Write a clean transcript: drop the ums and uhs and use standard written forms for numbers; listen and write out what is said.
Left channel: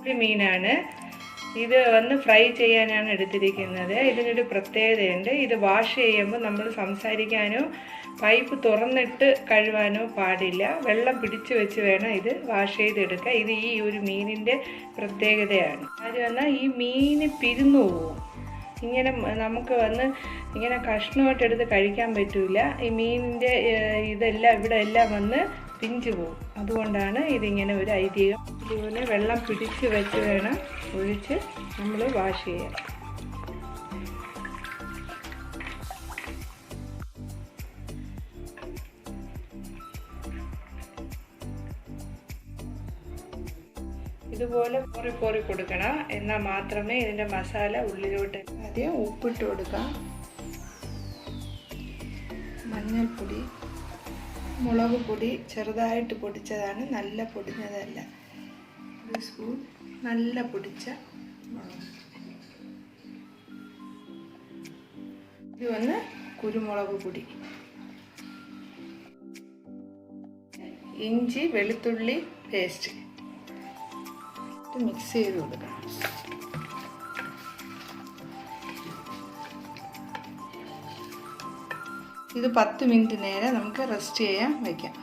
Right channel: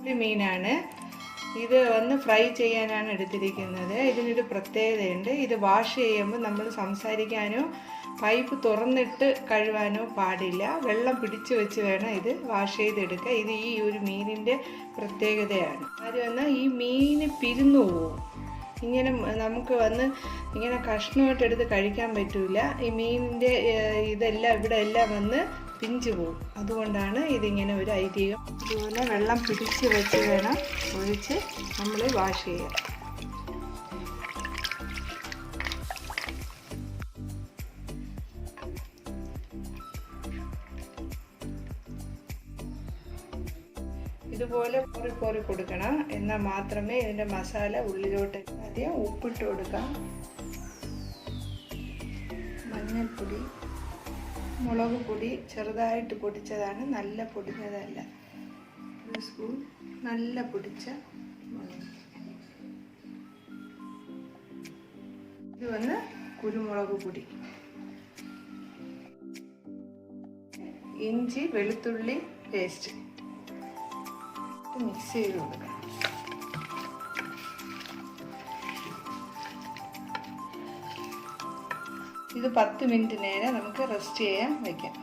ഒരു മീനാണ്. ഇത് ഫ്രൈ ചെയ്യാനാണ് എടുത്തിരിക്കുന്നത്. ഇതിനൊരു പ്രത്യേകതയുണ്ട്. ഇത് വാഷ് ചെയ്യുമ്പോൾ നമ്മൾ സംസാരിക്കാനോ പൈപ്പ് തുറന്നിട്ട് കഴുകാനോ പാടില്ല. വെള്ളം പിടിച്ചു വെച്ച് വേണം ഇത് വാഷ് ചെയ്തെടുക്കുക. ഇത് ഈ ഒരു മീനിൻ്റെ പ്രത്യേകതയാണ്. കാര്യം ഈ മീൻ പിരിഞ്ഞു പോവും. ഇങ്ങനെ നമുക്ക് ഇങ്ങനെ കഷ്ണമായിട്ടെടുത്ത് കഴിക്കാൻ പറ്റില്ല. ഈ മീനിൻ്റെ ഇതെല്ലാം ഇവിടെ എല്ലാം പിഞ്ചു പോകും. അതുകൊണ്ടാണ് ഇതിങ്ങനെ ഒരു ഐതിഹ്യം. ഇതുപോലെ വെള്ളം പിടിച്ച് വെച്ച് വേണം ഒഴിച്ച് നമ്മൾ വാഷ് ചെയ്യാൻ. ഇതുപോലെ കോറി കൊടുക്കണം. എന്നാൽ മാത്രമേ ഇതിൻ്റെ മസാല ഉള്ളിലോട്ട്. ആദ്യം ഉപ്പിട്ട് കൊടുക്കാം. മഞ്ഞൾപ്പൊടി, മുളക് പൊടി ചെറുതായിട്ട് പൊടിച്ചതാണ്, നല്ല പൊടിഞ്ഞതല്ല. 1 സ്പൂൺ നല്ല പൊടിച്ച മുളക്. ഇത് കുരുമുളക് പൊടി, ഇഞ്ചി വെളുത്തുള്ളി പേസ്റ്റ് മിക്സ് ചെയ്ത് കൊടുക്കണം. ഇത് 10 മിനിറ്റ് നേരം നമുക്ക് റെസ്റ്റ് ചെയ്യാൻ വയ്ക്കാം.